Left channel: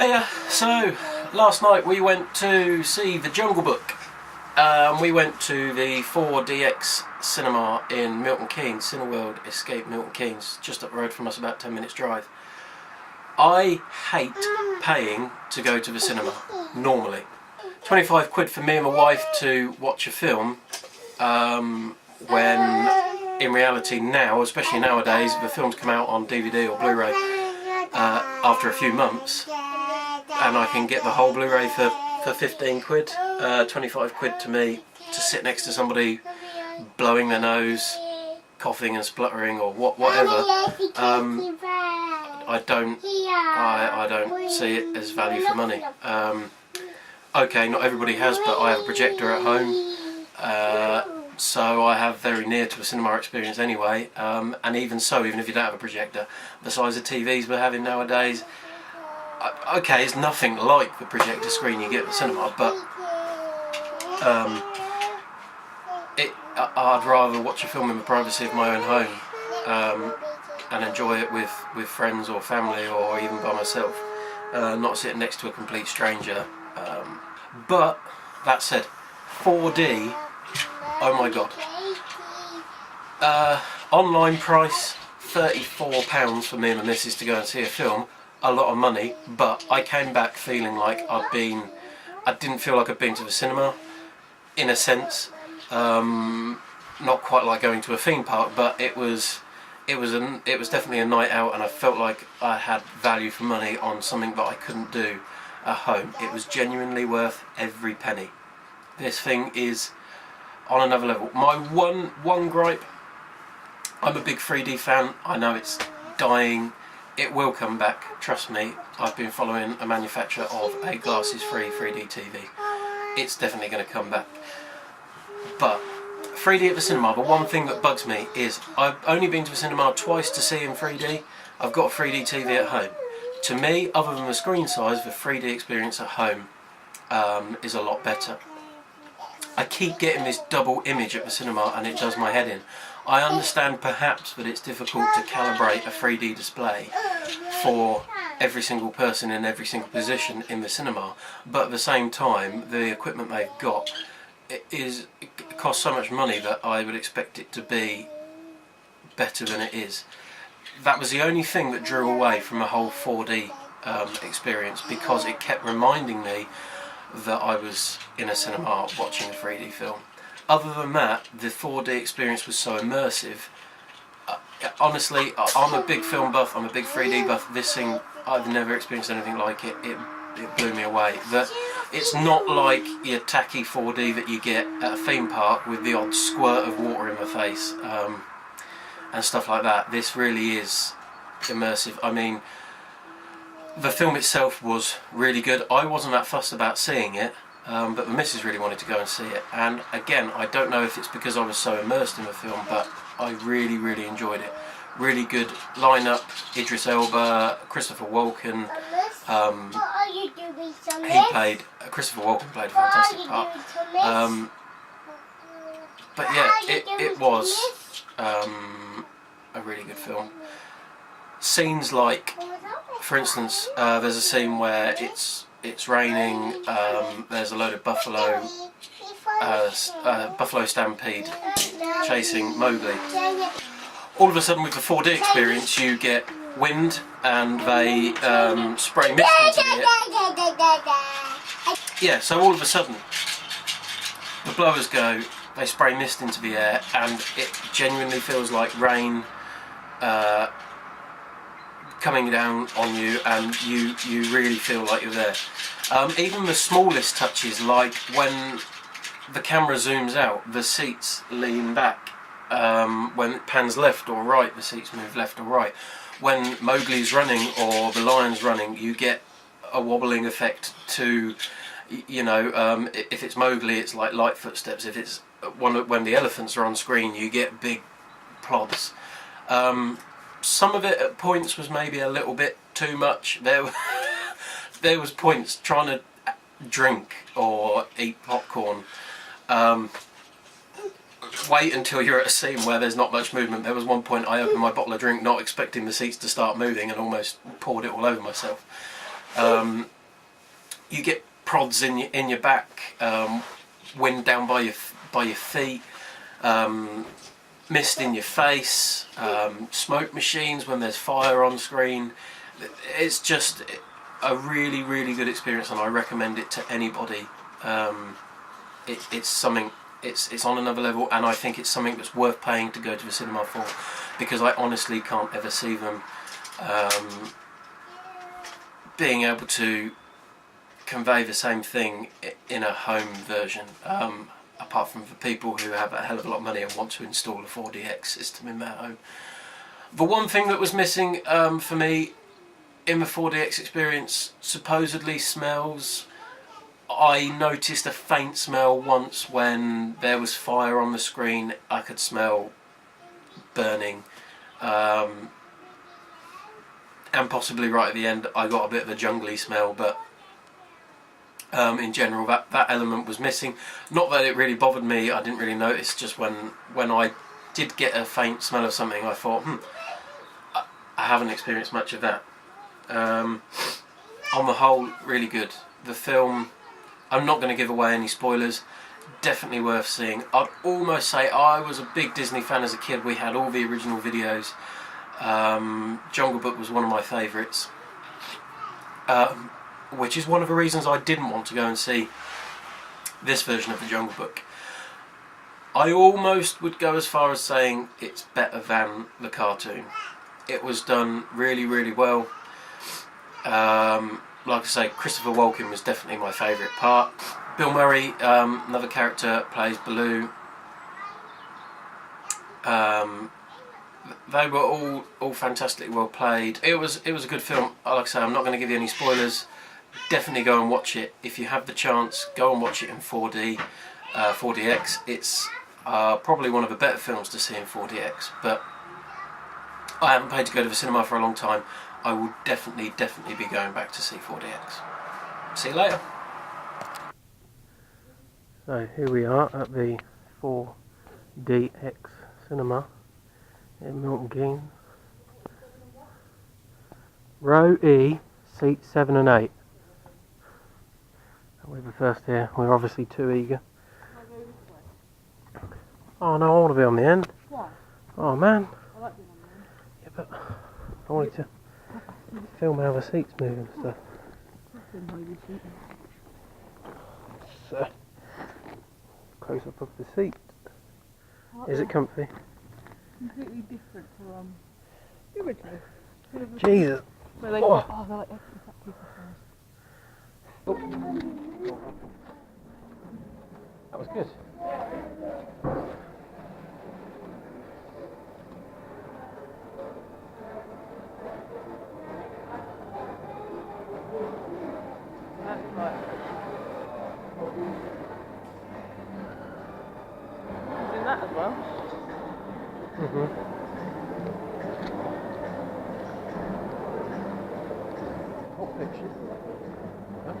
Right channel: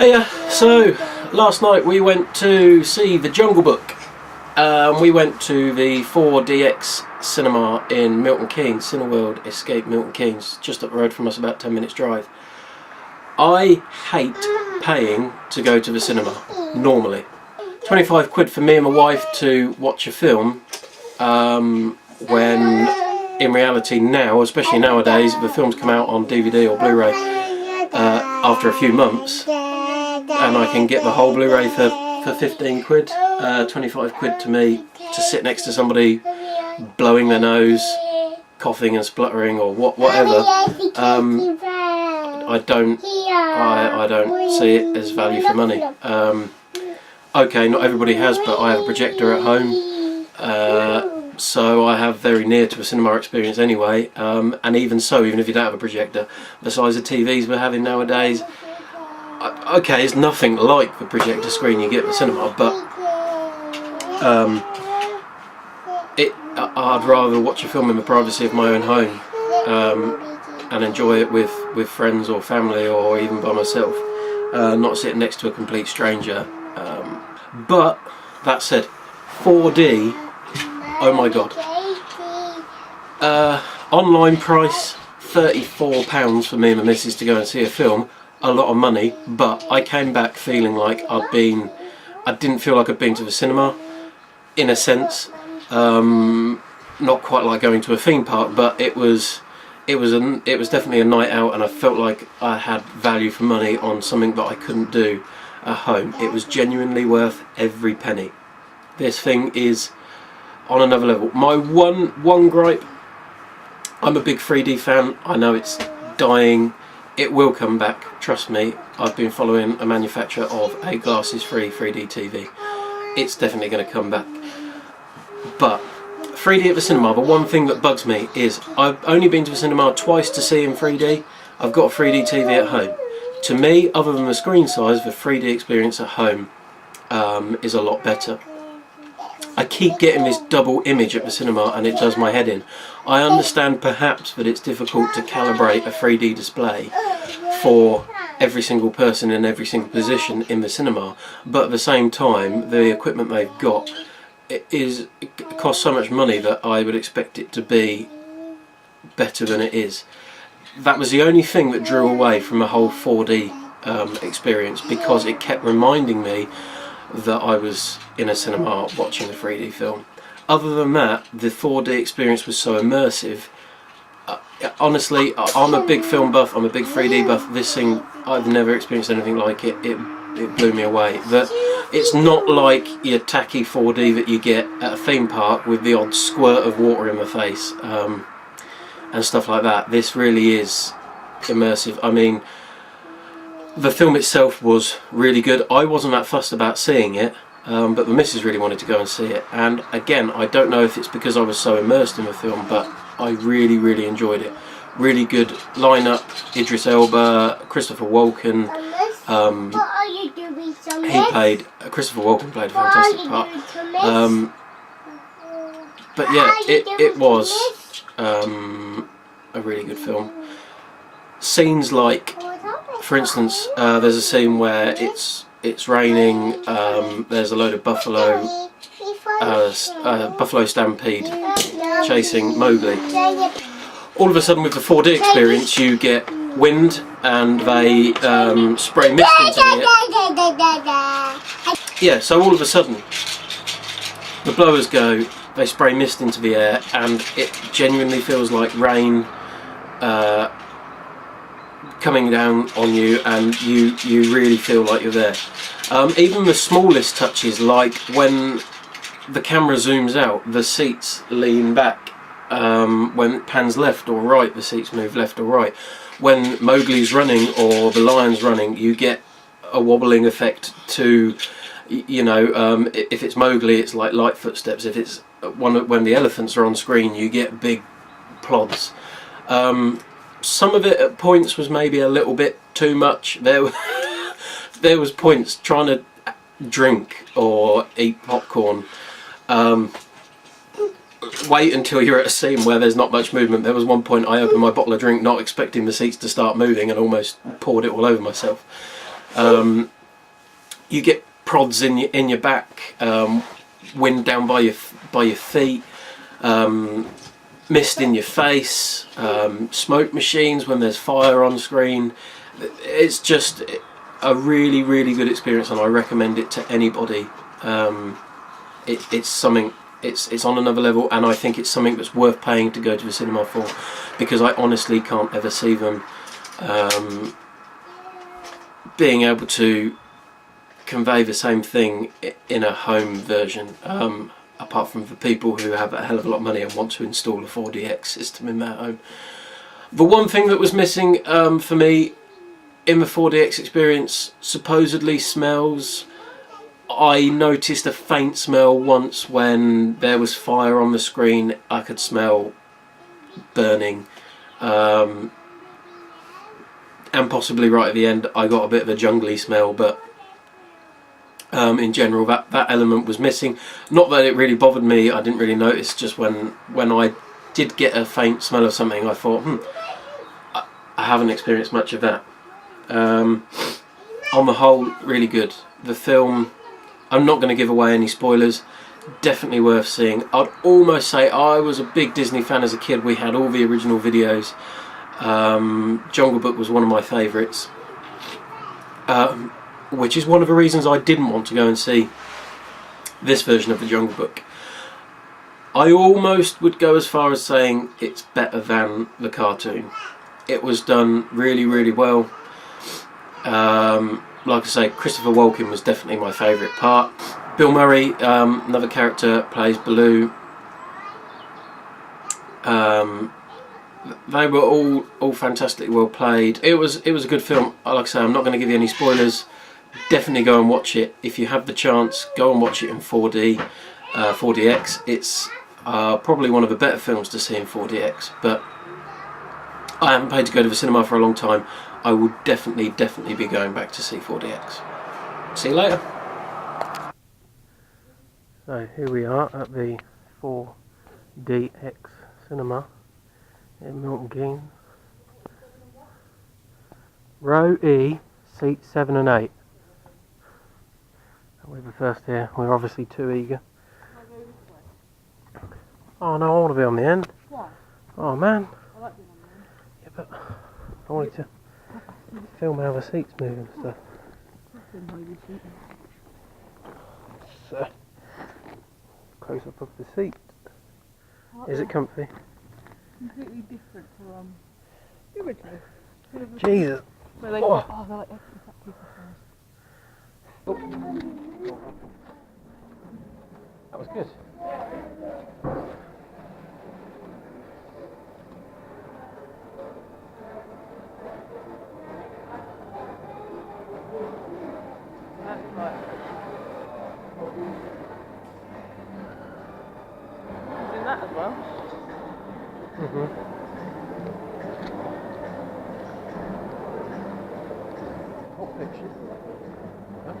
Hey, so last night we went to see The Jungle Book. We went to the 4DX cinema in Milton Keynes, Cineworld Escape Milton Keynes, just up the road from us, about 10 minutes drive. I hate paying to go to the cinema, normally. 25 quid for me and my wife to watch a film, when in reality now, especially nowadays, the films come out on DVD or Blu-ray after a few months, and I can get the whole Blu-ray for 15 quid, 25 quid to me to sit next to somebody blowing their nose, coughing and spluttering or whatever. I don't see it as value for money. Okay, not everybody has, but I have a projector at home, so I have very near to a cinema experience anyway, and even so, even if you don't have a projector, the size of TVs we're having nowadays, okay, it's nothing like the projector screen you get at the cinema, but I'd rather watch a film in the privacy of my own home, and enjoy it with friends or family or even by myself, not sitting next to a complete stranger. But that said, 4D, oh my god. Online price £34 for me and my missus to go and see a film. A lot of money, but I came back feeling like I didn't feel like I'd been to the cinema, in a sense. Not quite like going to a theme park, but it was definitely a night out, and I felt like I had value for money on something that I couldn't do at home. It was genuinely worth every penny. This thing is on another level. My one gripe, I'm a big 3D fan. I know it's dying. It will come back, trust me. I've been following a manufacturer of a glasses-free 3D TV. It's definitely going to come back. But 3D at the cinema, the one thing that bugs me is I've only been to the cinema twice to see in 3D. I've got a 3D TV at home. To me, other than the screen size, the 3D experience at home is a lot better. I keep getting this double image at the cinema and it does my head in. I understand perhaps that it's difficult to calibrate a 3D display for every single person in every single position in the cinema, but at the same time the equipment they've got it costs so much money that I would expect it to be better than it is. That was the only thing that drew away from the whole 4D experience, because it kept reminding me that I was in a cinema watching a 3D film. Other than that, the 4D experience was so immersive. Honestly, I'm a big film buff, I'm a big 3D buff. This thing, I've never experienced anything like it. It blew me away. It's not like your tacky 4D that you get at a theme park with the odd squirt of water in the face and stuff like that. This really is immersive. I mean, the film itself was really good. I wasn't that fussed about seeing it, but the missus really wanted to go and see it. And again, I don't know if it's because I was so immersed in the film, but I really enjoyed it. Really good lineup. Idris Elba, Christopher Walken. Christopher Walken played a fantastic part. But yeah, it was a really good film. Scenes like, for instance, there's a scene where it's raining. There's a load of buffalo stampede chasing Mowgli. All of a sudden, with the 4D experience, you get wind and they spray mist into the air. Yeah, so all of a sudden, the blowers go. They spray mist into the air, and it genuinely feels like rain coming down on you, and you really feel like you're there. Even the smallest touches, like when the camera zooms out, the seats lean back. When it pans left or right, the seats move left or right. When Mowgli's running or the lion's running, you get a wobbling effect to, you know, if it's Mowgli, it's like light footsteps. If it's when the elephants are on screen, you get big plods. Some of it at points was maybe a little bit too much. There was points trying to drink or eat popcorn. Wait until you're at a scene where there's not much movement. There was one point I opened my bottle of drink not expecting the seats to start moving and almost poured it all over myself. You get prods in your back, wind down by your feet, mist in your face, smoke machines when there's fire on screen. It's just a really, really good experience, and I recommend it to anybody. It's something. It's on another level, and I think it's something that's worth paying to go to the cinema for, because I honestly can't ever see them being able to convey the same thing in a home version, apart from for people who have a hell of a lot of money and want to install a 4DX system in their home. The one thing that was missing for me in the 4DX experience, supposedly smells. I noticed a faint smell once when there was fire on the screen. I could smell burning, and possibly right at the end I got a bit of a jungly smell, but in general that element was missing. Not that it really bothered me, I didn't really notice. Just when I did get a faint smell of something, I thought, I haven't experienced much of that. On the whole, really good. The film, I'm not going to give away any spoilers, definitely worth seeing. I'd almost say I was a big Disney fan as a kid. We had all the original videos. Jungle Book was one of my favourites, which is one of the reasons I didn't want to go and see this version of the Jungle Book. I almost would go as far as saying it's better than the cartoon. It was done really, really well. Like I say, Christopher Walken was definitely my favourite part. Bill Murray, another character, plays Baloo. They were all fantastically well played. It was a good film. Like I say, I'm not going to give you any spoilers. Definitely go and watch it if you have the chance. Go and watch it in 4D, 4DX. It's probably one of the better films to see in 4DX. But I haven't paid to go to the cinema for a long time. I will definitely be going back to see 4DX. See you later. So here we are at the 4DX cinema in Milton Keynes. Row E, seats 7 and 8. We're the first here. We're obviously too eager. Oh no, I want to be on the end. Why? Oh man. I like being on the end. Yeah, but I wanted to film how the seats move and stuff. So, close up of the seat. Is it comfy? Completely different to the original. Jesus. Where they, oh, they're like extra That was good. Doing that as well. What picture? Huh?